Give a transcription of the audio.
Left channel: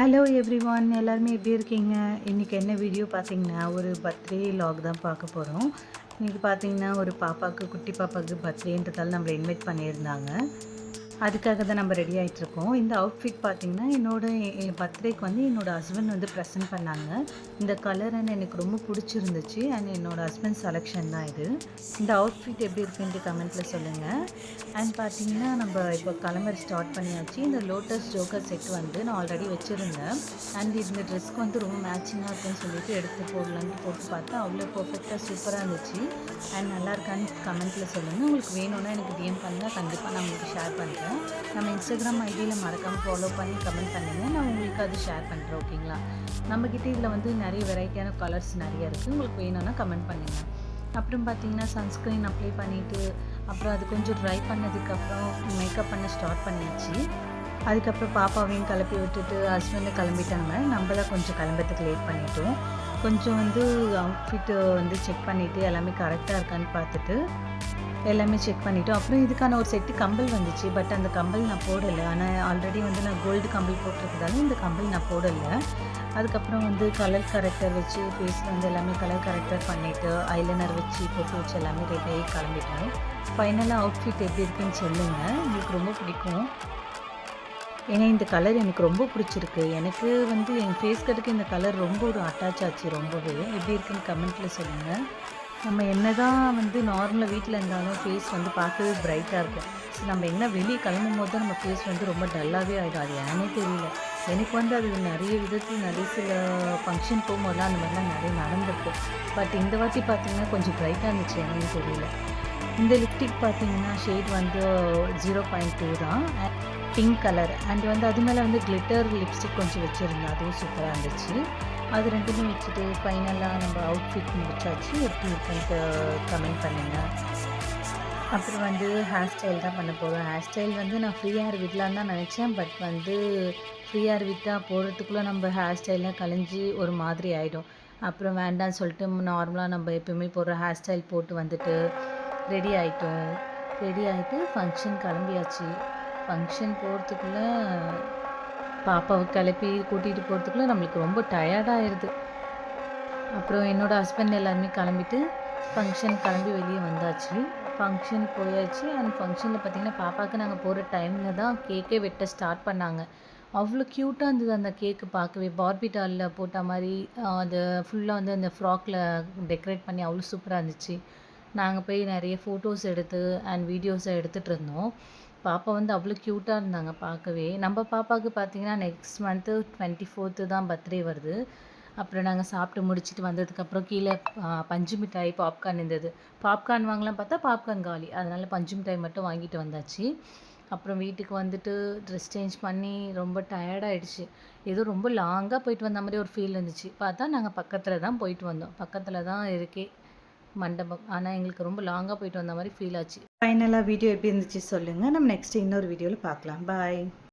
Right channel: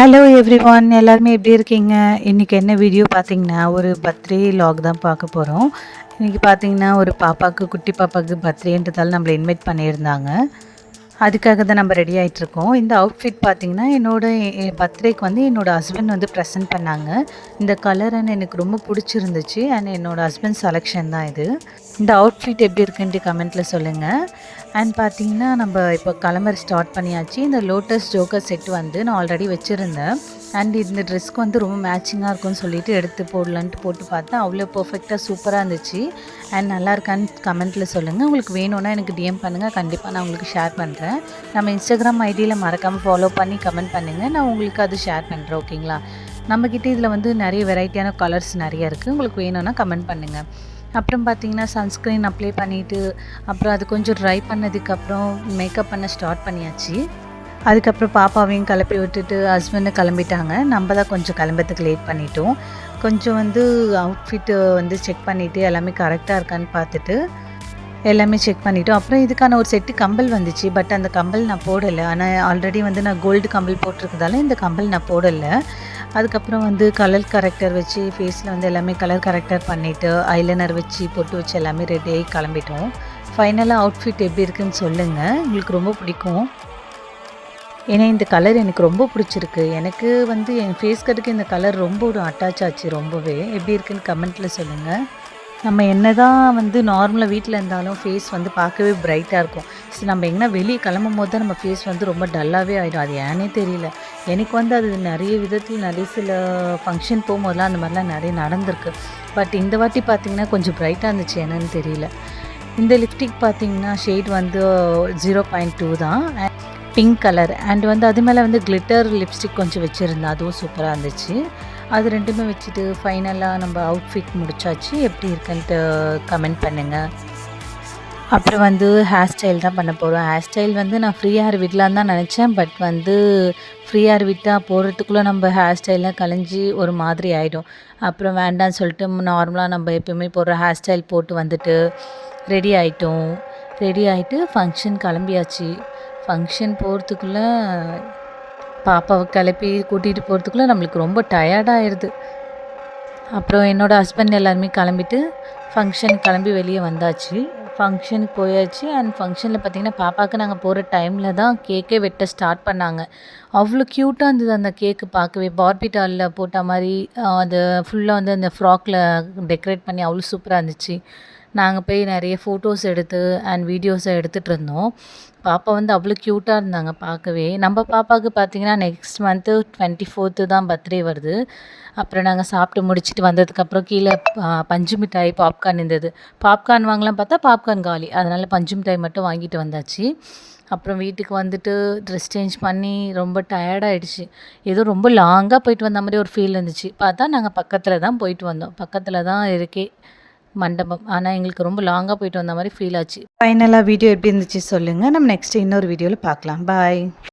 Hello everyone, எல்லாருமே எப்படி இருக்கீங்க? இன்றைக்கி என்ன வீடியோ பார்த்தீங்கன்னா, ஒரு பர்த்டே வ்ளாக் தான் பார்க்க போகிறோம். இன்றைக்கி பார்த்தீங்கன்னா, ஒரு பாப்பாவுக்கு குட்டி பாப்பாவுக்கு பர்த்டேன்றதால நம்மள இன்வைட் பண்ணியிருந்தாங்க. அதுக்காக தான் நம்ம ரெடி ஆகிட்ருக்கோம். இந்த அவுட்ஃபிட் பார்த்திங்கன்னா, என் பர்த்டேக்கு வந்து என்னோடய ஹஸ்பண்ட் வந்து ப்ரெசென்ட் பண்ணாங்க. இந்த கலர் எனக்கு ரொம்ப பிடிச்சிருந்துச்சு. என்னோடய ஹஸ்பண்ட் செலெக்ஷன் தான் இது. இந்த அவுட்ஃபிட் எப்படி இருக்குன்ட்டு கமெண்ட்டில் சொல்லுங்கள். பார்த்தீங்கன்னா, நம்ம இப்போ கிளம்புற ஸ்டார்ட் பண்ணியாச்சு. இந்த லோட்டஸ் ஜோக்கர் செட் வந்து நான் ஆல்ரெடி வச்சுருந்தேன். இந்த ட்ரெஸ்க்கு வந்து ரொம்ப மேட்சிங்காக இருக்கும்னு சொல்லிட்டு எடுத்து போடலான்ட்டு போட்டு பார்த்தேன். அவ்வளோ பர்ஃபெக்டாக சூப்பராக இருந்துச்சு. நல்லா இருக்கான்னு கமெண்ட்டில் சொல்லுங்கள். உங்களுக்கு வேணும்னா எனக்கு டிஎம் பண்ணுங்கள். கண்டிப்பாக நான் உங்களுக்கு ஷேர் பண்ணுறேன். நம்ம இன்ஸ்டாகிராம் ஐடியில் மறக்காமல் ஃபாலோ பண்ணி கமெண்ட் பண்ணுங்கள். நான் உங்களுக்கு அது ஷேர் பண்ணுறேன். ஓகேங்களா? நம்மக்கிட்ட இதில் வந்து நிறைய வெரைட்டியான கலர்ஸ் நிறைய இருக்குது. உங்களுக்கு வேணும்னா கமெண்ட் பண்ணுங்கள். அப்புறம் பார்த்திங்கன்னா, சன்ஸ்க்ரீன் அப்ளை பண்ணிவிட்டு அப்புறம் அது கொஞ்சம் ட்ரை பண்ணதுக்கப்புறம் மேக்கப் பண்ண ஸ்டார்ட் பண்ணியாச்சு. அதுக்கப்புறம் பாப்பாவையும் கிளப்பி விட்டுட்டு ஹஸ்பண்டும் கிளம்பிட்டாங்க. நம்ம தான் கொஞ்சம் கிளம்புறதுக்கு லேட் பண்ணிட்டோம். கொஞ்சம் வந்து அவுட்ஃபிட்டு வந்து செக் பண்ணிவிட்டு எல்லாமே கரெக்டாக இருக்கான்னு பார்த்துட்டு எல்லாமே செக் பண்ணிவிட்டோம். அப்புறம் இதுக்கான ஒரு செட்டு கம்பல் வந்துச்சு. பட் அந்த கம்பல் நான் போடலை. ஆனால் ஆல்ரெடி வந்து நான் கோல்டு கம்பல் போட்டிருக்கதால இந்த கம்பல் நான் போடலை. அதுக்கப்புறம் வந்து கலர் கரெக்டர் வச்சு ஃபேஸில் வந்து எல்லாமே கலர் கரெக்டர் பண்ணிவிட்டு ஐலைனர் வச்சு பொட்டு வச்சு எல்லாமே ரெடியாகி கிளம்பிட்டோம். ஃபைனலாக அவுட்ஃபிட் எப்படி இருக்குதுன்னு சொல்லுங்கள். உங்களுக்கு ரொம்ப பிடிக்கும். ஏன்னா இந்த கலர் எனக்கு ரொம்ப பிடிச்சிருக்கு. எனக்கு வந்து என் ஃபேஸ் கட்டுக்கு இந்த கலர் ரொம்ப ஒரு அட்டாச் ஆச்சு ரொம்பவே. எப்படி இருக்குதுன்னு கமெண்ட்டில் சொல்லுங்கள். நம்ம என்ன தான் வந்து நார்மலாக வீட்டில் இருந்தாலும் ஃபேஸ் வந்து பார்க்கவே பிரைட்டாக இருக்கும். ஸோ நம்ம எங்கன்னா வெளியே கிளம்பும்போது தான் நம்ம ஃபேஸ் வந்து ரொம்ப டல்லாகவே ஆகிடும். அது ஏன்னே தெரியல. எனக்கு வந்து அது நிறைய விதத்தில் நிறைய சில ஃபங்க்ஷன் போகும்போதெல்லாம் அந்த மாதிரிலாம் நிறைய நடந்திருக்கு. பட் இந்த வாட்டி பார்த்திங்கன்னா கொஞ்சம் பிரைட்டாக இருந்துச்சு, என்னன்னு தெரியல. இந்த லிப்ஸ்டிக் பார்த்திங்கன்னா ஷேட் வந்து 0.2 தான், பிங்க் கலர். வந்து அது மேலே வந்து கிளிட்டர் லிப்ஸ்டிக் கொஞ்சம் வச்சுருந்தேன். அதுவும் சூப்பராக இருந்துச்சு. அது ரெண்டுமே வச்சுட்டு ஃபைனலாக நம்ம அவுட்ஃபிட் முடிச்சாச்சு. எப்படி இருக்குன்ட்டு கமெண்ட் பண்ணுங்கள். அப்புறம் வந்து ஹேர் ஸ்டைல் தான் பண்ண போகிறோம். ஹேர் ஸ்டைல் வந்து நான் ஃப்ரீ ஹேர் விடலான்னு தான் நினச்சேன். பட் வந்து ஃப்ரீ ஹேர் விட்டால் போடுறதுக்குள்ளே நம்ம ஹேர் ஸ்டைல்லாம் கலைஞ்சி ஒரு மாதிரி ஆகிடும். அப்புறம் வேண்டான்னு சொல்லிட்டு நார்மலாக நம்ம எப்போயுமே போடுற ஹேர் ஸ்டைல் போட்டு வந்துட்டு ரெடி ஆகிட்டோம். ரெடி ஆகிட்டு ஃபங்க்ஷன் கிளம்பியாச்சு. ஃபங்க்ஷன் போகிறதுக்குள்ளே பாப்பாவை கிளப்பி கூட்டிகிட்டு போகிறதுக்குள்ளே நம்மளுக்கு ரொம்ப டயர்டாகிடுது. அப்புறம் என்னோடய ஹஸ்பண்ட் எல்லாருமே கிளம்பிட்டு ஃபங்க்ஷன் கிளம்பி வெளியே வந்தாச்சு. ஃபங்க்ஷனுக்கு போயாச்சு. ஃபங்க்ஷனில் பார்த்திங்கன்னா, பாப்பாவுக்கு நாங்கள் போகிற டைமில் தான் கேக்கே வெட்ட ஸ்டார்ட் பண்ணாங்க. அவ்வளோ க்யூட்டாக இருந்தது அந்த கேக்கு பார்க்கவே. பார்பி டாலில் போட்ட மாதிரி அது ஃபுல்லாக வந்து அந்த ஃப்ராக்கில் டெக்கரேட் பண்ணி அவ்வளோ சூப்பராக இருந்துச்சு. நாங்கள் போய் நிறைய ஃபோட்டோஸ் எடுத்து வீடியோஸை எடுத்துகிட்டு இருந்தோம். பாப்பா வந்து அவ்வளோ க்யூட்டாக இருந்தாங்க பார்க்கவே. நம்ம பாப்பாவுக்கு பார்த்திங்கன்னா நெக்ஸ்ட் மந்த்து 24th தான் பர்த்டே வருது. அப்புறம் நாங்கள் சாப்பிட்டு முடிச்சுட்டு வந்ததுக்கப்புறம் கீழே பஞ்சு மிட்டாய், பாப்கார்ன் இருந்தது. பாப்கார்ன் வாங்கலாம் பார்த்தா பாப்கார்ன் காலி. அதனால் பஞ்சு மிட்டாய் மட்டும் வாங்கிட்டு வந்தாச்சு. அப்புறம் வீட்டுக்கு வந்துட்டு ட்ரெஸ் சேஞ்ச் பண்ணி ரொம்ப டயர்டாகிடுச்சு. ஏதோ ரொம்ப லாங்காக போயிட்டு வந்த மாதிரி ஒரு ஃபீல் இருந்துச்சு. பார்த்தா நாங்கள் பக்கத்தில் தான் போயிட்டு வந்தோம். பக்கத்தில் தான் இருக்கே மண்டபம். ஆனால் எங்களுக்கு ரொம்ப லாங்காக போயிட்டு வந்த மாதிரி ஃபீல் ஆச்சு. ஃபைனலாக வீடியோ எப்படி இருந்துச்சு சொல்லுங்கள். நம்ம நெக்ஸ்ட் இன்னொரு வீடியோவில் பார்க்கலாம். பாய்.